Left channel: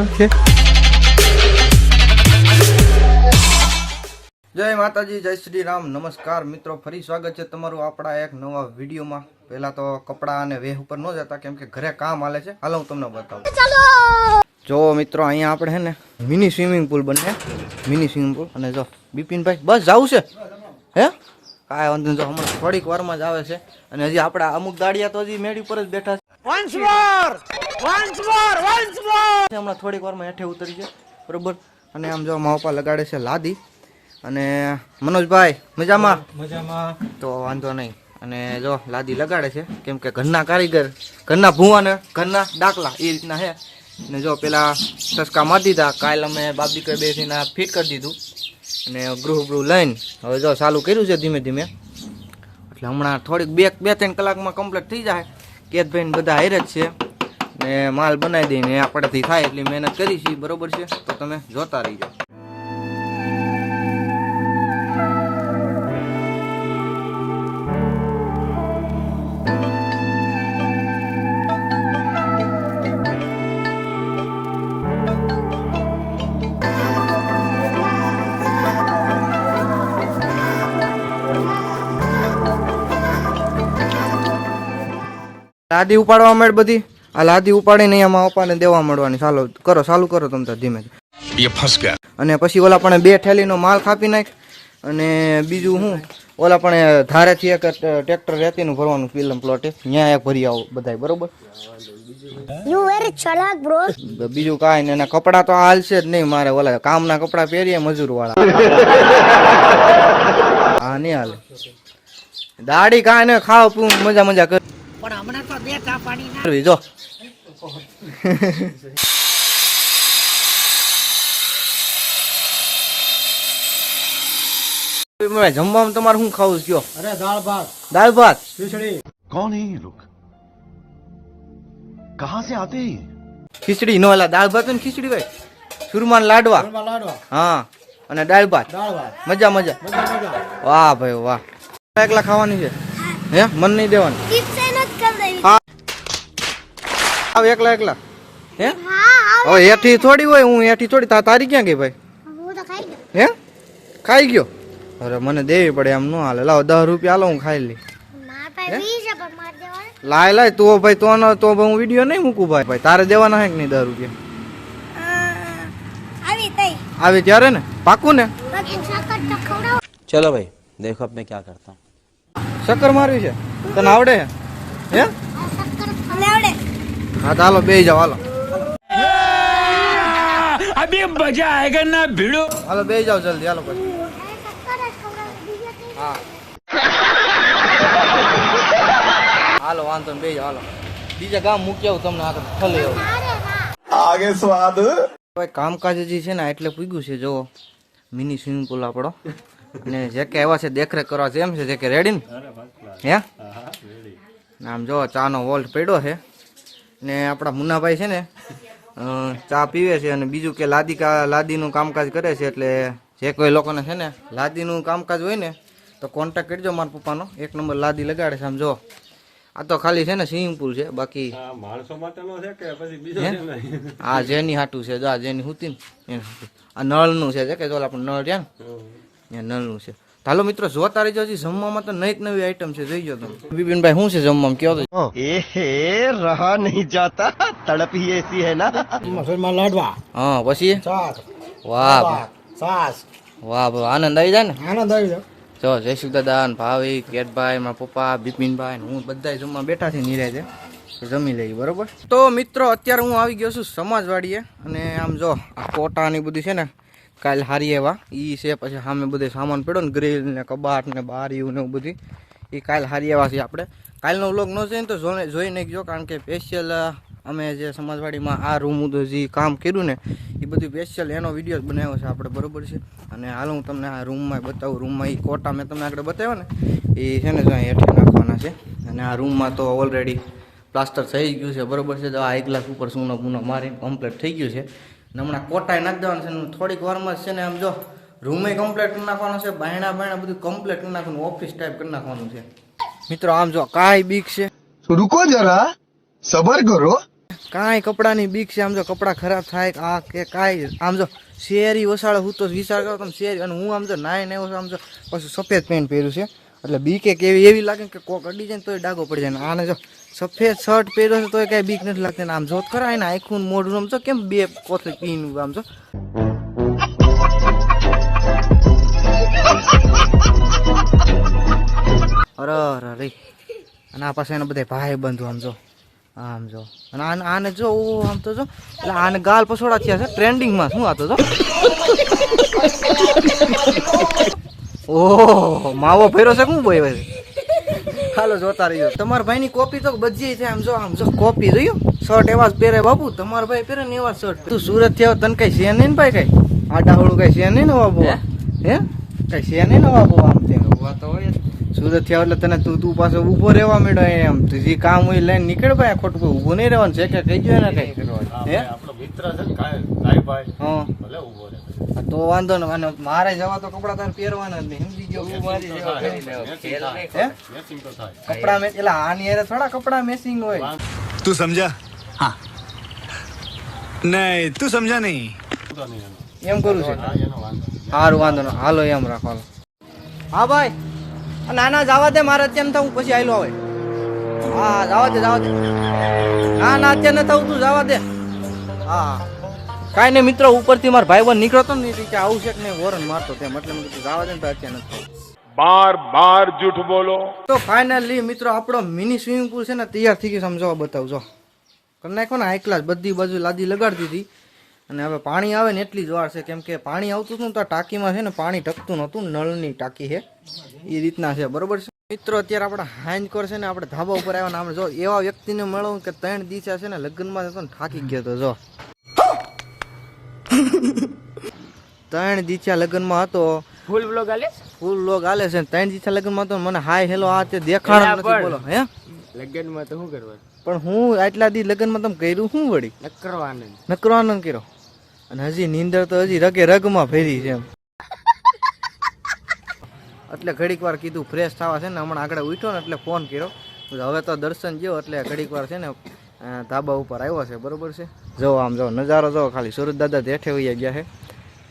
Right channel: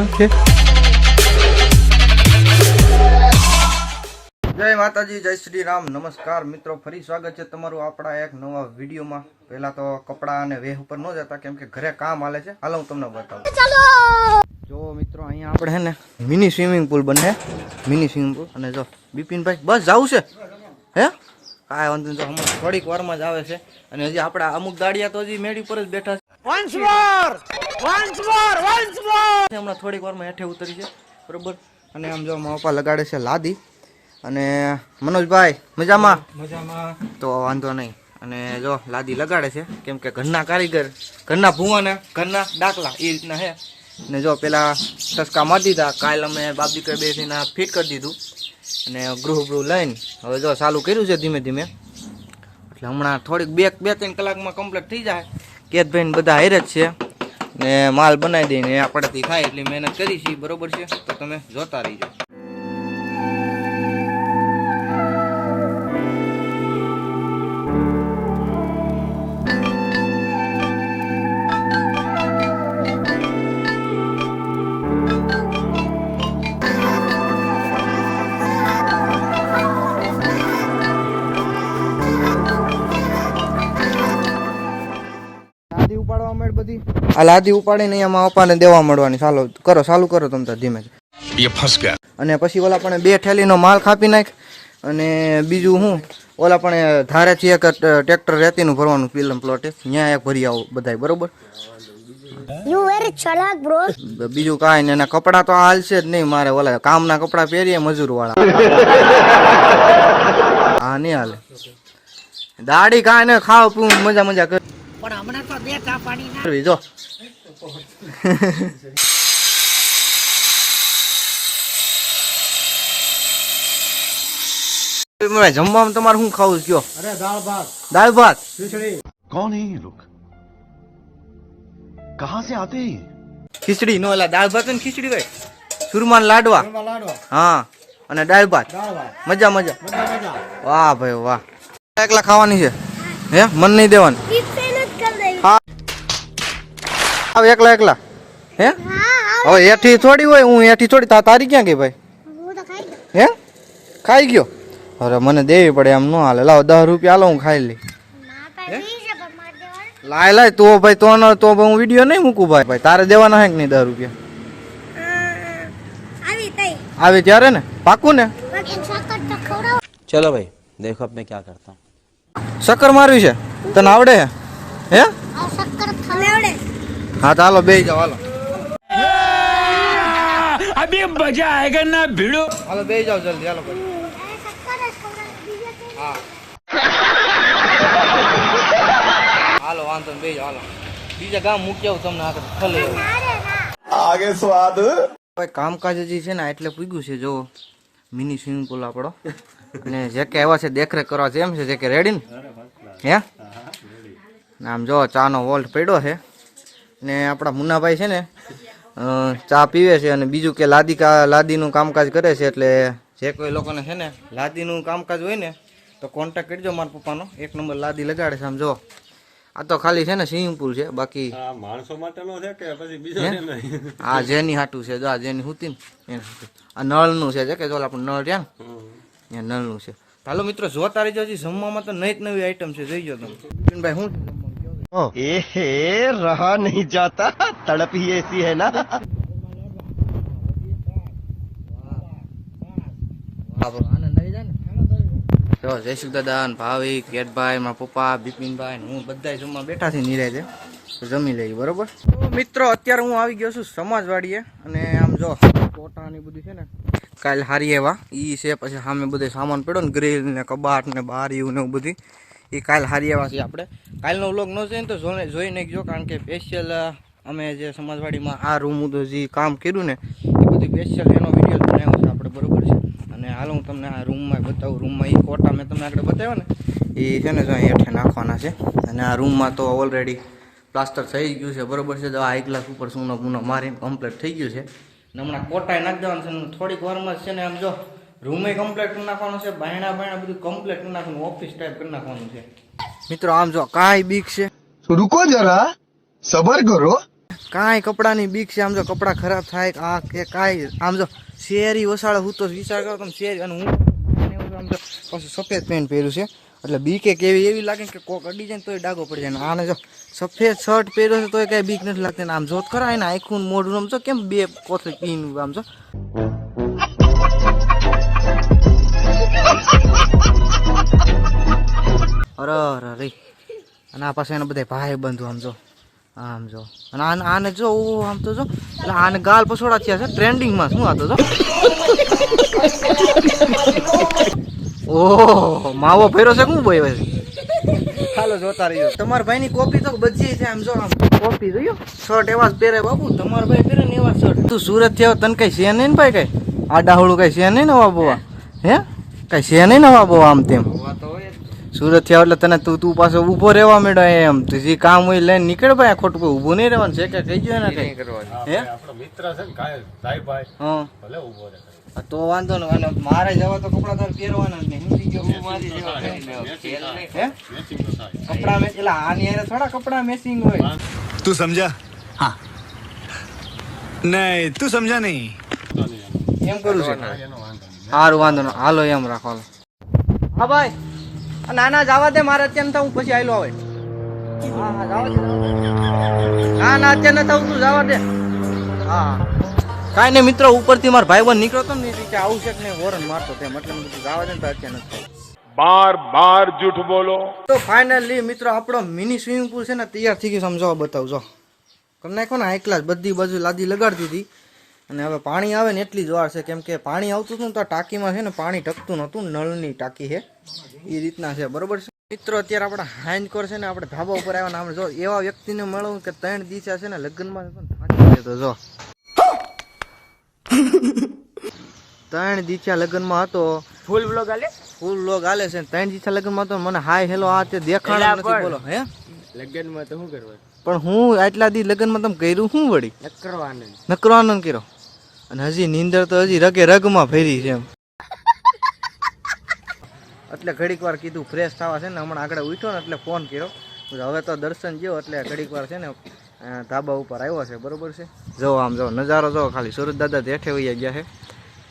જય માતાજી, જય શ્રી રામ, નમસ્કાર મિત્રો, ફરી સ્વાગત છે તમારું આપણા એક નવા વિડીયોમાં। પહેલા તો કપડા અને વેહ ઉપર ન જતા, કેમ કે ઘરે કામ હાલે છે। હાલો હું તમને બતાવું। જો મિત્રો, અહીંયા આપણે હે ને મિની સ્વિમિંગ પુલ બને, મિની સ્વિમિંગ પુલ। અને જો બિપિનભાઈ બસ જવું છે હે, કાંઈ વાંધો નહીં, હમણાં થોડીક વારમાં જ આવે છે। અને હજી આપણા અમુક દાડિયા તો હજી મેળી પર જ બેઠા છે, હમણાં થોડીક વારમાં હેઠે ઉતરી છે, બરોબર। અને આમ જો મારા લગાડે છે લાદી। અને મનોજભાઈ મજામાં? મજામાં તો વાંધો નહીં। અને જો લાદી લગાડે છે, કેમ કે ઘરના કારીગર, ઘરના ભૂવાને ઘરના ડાકલા એ રીતના છે। ને જો પેલા ટસકા મારી દીધા, કાલ અમે બાપ દીકરા બેસીને ફિટ કરી દીધું। અને ગૃહ લઈને હવે જો ચાલુ કર્યું છે ધીમે ધીમે, એટલે હમણાં થોડીક બે ત્રણ કલાકમાં કમ્પ્લીટ થઈ જાય। કેતભાઈ બધા હારે જ છે ને માલ બનાવી દઈને આપણાથી થાય એટલી મહેનત કરી છે, બરોબર છે? તો તમે જોતા રહીજો। લાદી ઉપાડવા માંડ બધી, આ લાદી ઉપાડીને અહીંયા પપ્પાને દેવા મળવાની। ચાલો કરો, ચાલુ કરો તમે તો ધીમે। અને પછી ઓલા પણ 2 થેલીનો માલ કાપી નાખ। અને બીજું હું ઓલા પણ ધારેથી એક ટ્રેક્ટર રેતીનું ભરવાનું પીલમ પ્લોટે, ત્યાં એક ભરી આવો બધા, બરોબર? યુ વેરી ચાલાક બ્રો। બીજું કાંઈ નહીં, એના કપડાં તો હાલશે જ નહીં મારે, ઓલા કામના કપડાં પહેરીએ મજૂર વાળા, હા નહીં હાલે। દાડી કાંઈ નહીં, ખાવ પીવું મજા કર, પણ હમણાં તો 2 ચા પાણી ના જો જમવામાં તમારે શું ખાવું કયો? અરે દાળ ભાત ખીચડી। कौन है ये लोग कहां से आते हैं ખીચડી નો, એલા દાળ ભાત ને ખીચડી ભાઈ, સુરમાન લાડવા, લાડવા, હા, અને દાળ ભાત, દાળ ભાત, મજા। મજા વાહ ભાઈ વાહ। એકલા ખાવાની છે હે, મન નહીં દેવાનું? હા એકલા હે, હવે એઠી થોડી હોય, હું એઠી થોડી, તારી ક્યાં ગઈ ભાઈ? હે ખાઈ ગયો? અરે મને દેવી પડે, એમ ન હાલે। લાવો 10 રૂપિયા હાલો, હું ખાઈ લઈ। લાય તો ભાઈ, તો હું વિડીયો નહીં મૂકું ભાઈ, તારે દેવાના હે કે નહીં 10 રૂપિયા? આવી ત્યારે ને, પાકું ને? चलो भाई देखो अब मैं क्या करता हूँ। શક્કર મારવી છે તને આવડે હે? હા તો હાલો બેહી જાઓ, હાલો अभी मजा आएगा ना भिड़ो। હાલો બેહી જાઓ જલ્દી, હાલો પછી। હા હાલો વાંધો નહીં, બેહી જાઓ, હાલો બીજા ગામ મૂકી આવું તમને, આગળ ખલે आगे स्वाद ભાઈ। કામકાજ હજી છે ને એટલે પૂગ્યું છે, જો મિની સ્વિમિંગ પુલ આપણો। અને જે કે આવ્યા છે દેખરેખ કરવા છે, એમ છે જે કે રેડી ને હે? આમ જો ચાનો વોલ્ટ પડ્યો છે ને આપણા મુન્નાભાઈ છે ને ચા પીવે છે। અને બીજું કે લાદીનું કામકાજ કરે છે, એટલે જે કોઈ લોકોને છે ને લાદીનું કામકાજ હોય ને તો કોન્ટેક્ટ કરજો મારા પપ્પાનો, 1 નંબર લાદી લગાડે છે। આમ જો આ તો ખાલી છે ને સ્વિમિંગ પુલ છે, બાકી માણસો માટેનો છે કે પછી બીજો? આ જેની હાટું છે, જો આ જેની હુતી ને આ નળનું છે, કે જો આપણે નળ રહ્યા ને ત્યાં નળનું છે। હાલો મિત્રો જોતા રહેજો, હજી જમવામાં તો નવી આઈટમ છે, જોઈજો તમે। બિપિનભાઈ શું છે જમવામાં કયો તો? एहे रहा नहीं जाता तड़प ही ऐसी है ना મસલમાં લાડવા, હા પછી છાશ, વાહ છાશ, વાહ આનંદ આવી જાય ને? આનંદ આવી જાય। જો જયસુખ દાદા, ભાવિક, કેતભાઈ, મારા પપ્પા, બિપિનભાઈ, હું બધા જમવા બેઠા છે નિરાજે, જમી લઈએ, બરોબર? તો મિત્રો અત્યારે હું આવી ગયો છું સમાજવાડીએ। અને આમ જો કોટાની બધી છે ને કાલ હારી એવા ઈ છે, પછી સામે બધે સામાન પડ્યો ને, ગ્રીલ ને કબાટ ને બારીયું ને એવું બધી, એ કાલ હારી એવા છે। આપણે કાલનો વ્લોગ ન જોઈને તો જોઈ નાખજો, કારણ કે સ્પેશિયલ અમે જે સમાજવાડીમાં આ રૂમ ઉધો જે કામ કર્યું ને એ બધી સ્પેશિયલ એનો વિડીયો બનાવ્યો છે આપણે, બરોબર છે? અને હાલ હું તમને આ રૂમમાં બતાવું। રૂમમાં એ કોટા મેં તમને આગળ બતાવ્યો ને એ છે ને જો હેઠે નાખવાના છે। અને આ રૂમમાં તો ઓલરેડી પ્લાસ્ટર થઈ ગયું છે, બરોબર છે? જો આ 1 ગ્લાસ ઉપર સૂનો બૂનો મારીને કમ્પ્લીટ થઈ ગયું છે। હમણાં કોટાઈ નાખી દેવાનું છે, થોડીક વારમાં છે ને આમ જો રૂમે કમ્પ્લીટ કરી નાખવાનો છે, બાયણા બધું કમ્પ્લીટ કરી નાખવાનું, ઓફિસ ટાઈપ કરી નાખવાનું છે। મિત્રો આમ જો કાંઈ બીક છે? रुको जरा सबर करो કાંઈ કપડાની બીક છે. આમ જો કપડાં ખરાબ થાય આ કે કાંઈ આમ જો શેરી વસાડે હું તો વિચાર કરો તમે શેરી અને હું આમ તો નાય ને આમ તો પાછું સફેદ પેન્ટ પહેર્યું છે એટલે બીકે કેવી એવી લાગે કે કોક અડી જાય ને તોય ડાઘો પડી જાય. આને જો સફેદ શર્ટ પહેર્યો છે તોય કાંઈ બીક નથી લાગતી ને આમ જોત ખરા એને આખું મોઢું આમ જો કેમ બે કોથળી પીનું આમ જો અરે અરે અને આ પાસે એના બધા ભાઈ બંધુ આમ જો આમ જો અને આને જો આમ તો જો એટલે આને ગાલ પછોડા થયા છે ટ્રેન્ડિંગમાં શું આતો જો ઓહ માવો ફેરો છે શું બોય છે. હાલો જોતા રહીજો. તમારા ભાઈની કોપી તો બધી છે આમ જો કોપી જોયો શર્ટ એવા જ પહેરે બાપુ તમારા ભાઈ પહેરે ને એવા શર્ટ. તું સુરત થી આવ તને કઈ છે નહીં ને ભાઈ કઈ આડાહળું કઈ છે નહીં નવા બોવા હે કઈ છે નહીં નવા બોવા આમ તેમ સુરત થી આવ એટલે તને તું પાછો ઉભો રહેવા માંડ્યો એમ જે કામ હોય લઈને નીકળ ભાઈ ખોટું કોઈ ઊભું નહીં રહેવાનું છે કે કહી ગયો ને કઈ હે આપણો મિત્ર છે ને કાય ભાઈ હા ભલે ઉભો રહે. તો વાંધો ને અને મારે જવા તો કપડા તારે પહેરવાના જ નહીં સમજી ગયો હું મારી જેવા પહેરી લેવા. હે કપડા મે એટલે આની હારે થોડા કપડા મેચિંગ હોય. तू समझा? हाँ नहीं तू समझा नहीं. એમ કરું છે સારું વાંધો ને હાલો એમ રાખો હાલો. હા ભાઈ નાના જવા દે મારે અત્યારે થવું પછી આયલો આવે. હા જવા દે ના ના અત્યારે ન થવું તું જવા દે. હા કાંઈ નહીં મિત્રો ઉપરથી મારા ભાઈ બંધ નીકળ્યો હતો ને કે આવું છે કે નહીં વોરન મારતો તેમ એટલે મેં કીધું જવા દે ને તો અત્યારે નથી થવું. बार बार झूठ बोलो. તો ફાઇનલી મિત્રો આપણો મિની સ્વિમિંગ પુલ છે ને તૈયાર થઈ ગયું સમજાવવા બતાવજો કરી નાખો ને હાઈ ક્લાસ બધી બાજુ લાદી લગાડી દીધી અને હવે પાણી આવે ને એટલી જ વાર છે કેમ કે પાણી આવતું હતું ને તો ટાંકીમાં છે ને પાણી ટકતું નહોતું નળની ટાંકી છે એ રીતના છે બરોબર છે મિત્રો. અત્યારે આપણે હાંજકોર છે ને આપણે ધાબા ઉપર આવ્યા ને આપણે જો એવા વ્યક્તિને મળવું કે 3 દિવસ છે ને લગ્નમાં હતો ને થાકી ગયો તો જો 3 દિવસ લગ્નમાં હતો ફૂલ વ્લોગ આલે છે 3 દિવસ લગ્નમાં તો મને હાય હેલો આ તે દેખાણ નથી બોલો હે લગ્નમાં તો શું કરવા પણ હું આટલા દી લગ્નમાં તમે કર્યું શું વળી નકરો આનંદ કર્યો અને હજી નીંદર તો હજી રગે રગમાં ફેરી છે એમ એટલે ઘડીક વાર કીધું ફ્રેશ થવા છે ને હમણાં આગળ ઉઠ્યો ને એટલે ફોન કર્યો હવે તો દર્શન જેવો એટલે ઘડીક વાર છે ને ધાબા ઉપર આવ્યો છે બરોબર છે. જો આમ જો નજારો જો ખાલી સુરત દાદા હેઠે વહી ગયા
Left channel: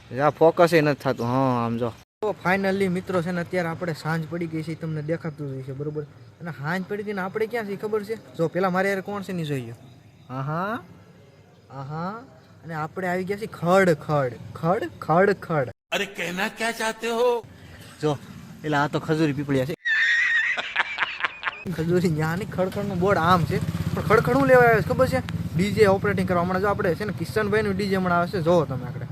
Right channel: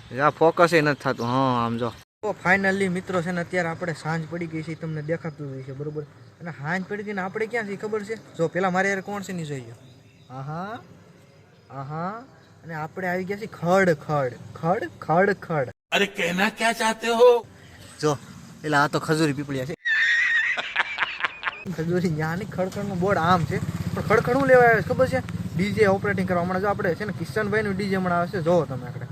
છે આ ફોકસ એ નથી થતું. હા આમ જો તો ફાઇનલી મિત્રો છે ને અત્યારે આપણે સાંજ પડી ગઈ છે તમને દેખાતું જ છે બરોબર અને સાંજ પડી હતી ને આપણે ક્યાં છે ખબર છે જો પેલા મારે યાર કોણ છે નહીં જોઈ હા અને આપણે આવી ગયા છીએ ખડ ખડ ખડ ખડ ખડ. अरे कहना क्या चाहते हो? જો એટલે આ તો ખજૂરી પીપળિયા છે ખજૂરી ન્યા ની ખડખડ નું બોર્ડ આમ છે પણ ખડખડ હું લેવા આવે છે ખબર છે ડીજે ઓપરેટિંગ કરવા હમણાં જો આપણે છે ને કિશનભાઈ નું ડીજે હમણાં આવે છે જોવો તમે આપણે.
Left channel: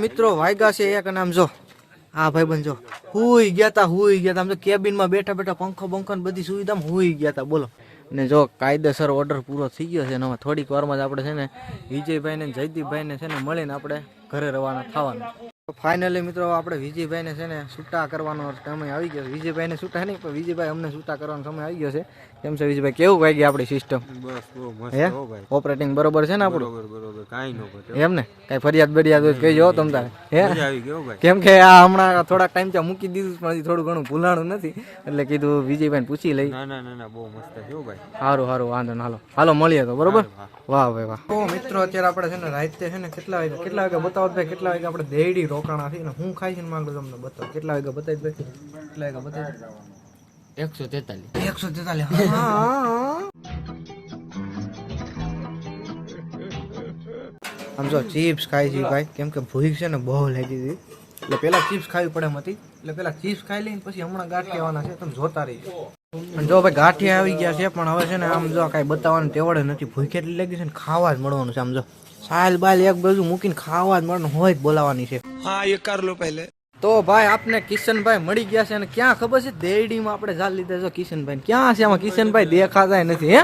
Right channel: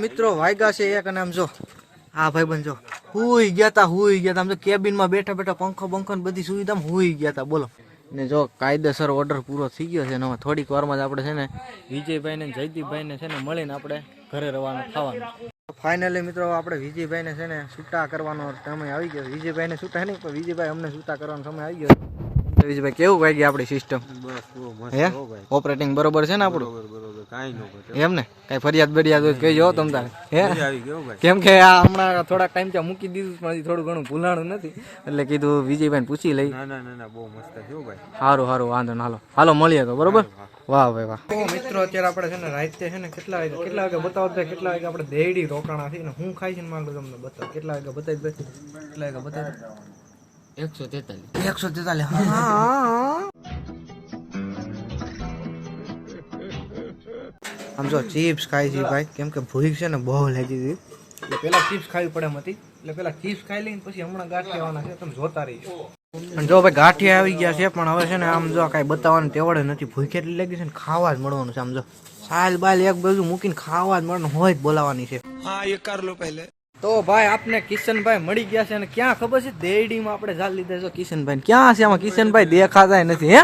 મિત્રો વાયગા છે એક અને આમ જો હા ભાઈ બંધ જો હુઈ ગયા તા આમ જો કેબિનમાં બેઠા બેઠા પંખો બંખો ને બધી સુવિધા હુઈ ગયા તા બોલો ને જો કાયદેસર ઓર્ડર પૂરો થઈ ગયો છે ને હવે થોડીક વારમાં જ આપણે છે ને વિજયભાઈ ને જયદીપભાઈ ને છે ને મળીને આપણે ઘરે રવાના થવાનું. ફાઇનલી મિત્રો આપણે વિજયભાઈ ને છે ને છૂટા કરવાનો સમય આવી ગયો. વિજયભાઈ ને છૂટા નહીં પણ વિજયભાઈ અમને છૂટા કરવાનો સમય આવી ગયો છે. કેમ છે વિજયભાઈ કેવું વાગી આપણી સિસ્ટમ હે ઓપરેટિંગ બરોબર છે ને આપણું એમ ને કઈ ફરિયાદ બરિયાદ હોય કહેજો તમ તારે હે કેમ કે આ હમણાં થોડાક ટાઈમ ત્યાં મૂકી દીધું પણ થોડું ઘણું ભૂલાણું નથી એટલે કીધું વિજયભાઈ પૂછી લઈ. સારું વાંધો ને હાલો મળીએ તો બરોબર. વાહ ભાઈ વાહ. તો મિત્રો અત્યારે આપણે છે ને રાતે છે ને કેટલા વાગે બતાવો ભાઈ કેટલા વાગે આપણે દેડી રોકાણા છે ને હું ખાઈ છે ને માંગુ તમને બતાવો કેટલા વાગે બતાવી ભાઈ કેટલા વાગે બતાવી 143 આમ જો ચિપ્સ ખાઈ છે ભાઈ કેમ કે ભૂખ છે ને બહુ લાગી હતી એટલે પેલા ચિપ્સ ખાવી પડે એમ હતી એટલે પેલા ચિપ્સ ખાઈ લઈને પછી હમણાં ગાંઠિયા આવવાના છે તમે જોતા રહીજો. અને જો ભાઈ ગાંઠિયા આવી ગયા છે પણ હવે છે ને આમ જો કાંઈ બતાવવાનું તેવડે નથી ભૂખ એટલી લાગી છે ને ખાવા જ મળવાનું છે. આમ જો સાલ બાલ એક બાજુ મૂકીને ખાવા જ મળવાનું હોય જ બોલાવાની છે. हाँ ये कर लो पहले. તો ભાઈ આપને કિશનભાઈ મળી ગયા છે અને ક્યાં ખબર છે દેડીમાં આપણે જાલ લીધા છે કિશનભાઈ ક્યાં છે આમાં કિશનભાઈ દેખાતા નથી હે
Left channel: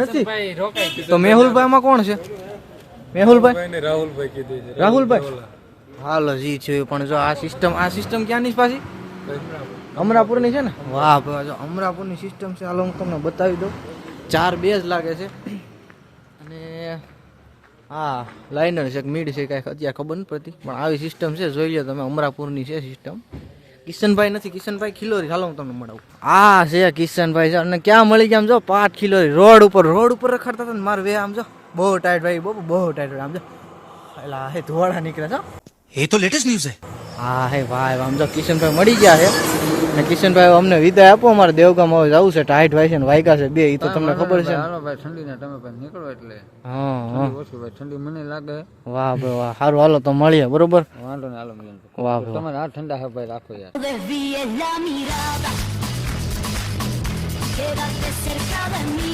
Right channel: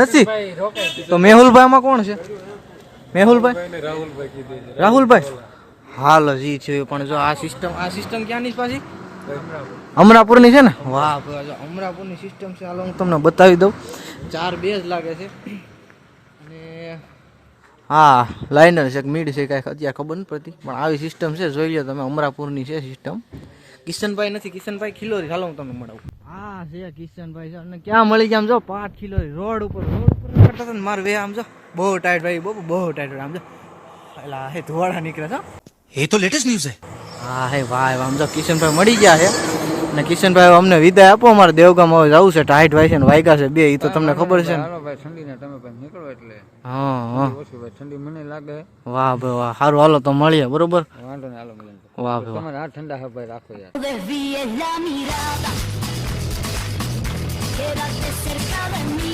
નથી તો મેહુલભાઈ માં કોણ છે મેહુલભાઈ રાહુલભાઈ હાલ જ છે પણ જો આ સિસ્ટમ ક્યાંની છે પાછી અમરાપુરની છે ને વાહ જો અમરાપુરની સિસ્ટમ છે હાલો હું તમને બતાવી દઉં 4 બેઝ લાગે છે અને હા લાઇનર છે મિડ છે કાંઈ અત્યારે ખબર નથી પડતી પણ આવી સિસ્ટમ છે જોઈ લો તમે અમરાપુરની છે સિસ્ટમ કિશનભાઈ નથી કિશનભાઈ ખિલોરી હાલો હું તમને મળાવું આ છે કિશનભાઈ છે અને ક્યાં મળી ગયા આમ જો પાટ ખિલોરી રોડ ઉપર રખડતા હતા ને મારે વે આમ જો બહુ ટાઈટ ભાઈ બહુ ટાઈટ આમ જો એલા હે ધોળા નીકળે છો ये तो लेटेस्ट न्यूज है હા હે ભાઈ આમ જો કિશનભાઈ મળી ગયા છે ને કિશનભાઈ અમને વિદાય આપો અમારે દેવગામ હવે જવું છે ટાઈટ ભાઈ છે ને વાયગા છે બે એ તો તમને ખબર છે ને ભાઈ ઠંડીના તમે ભાઈ નીકળો એટલે હા ઓછી ભાઈ ઠંડી મને લાગે વાહ ભાઈ વાહ સારું હાલો તો મળીએ બરોબર વાંધો ને હાલો મળે વાહ ભાઈ તમારે આ ઠંડા હા ભાઈ રાખો યાર Desvíes la mirada. Quédate cerca de mí.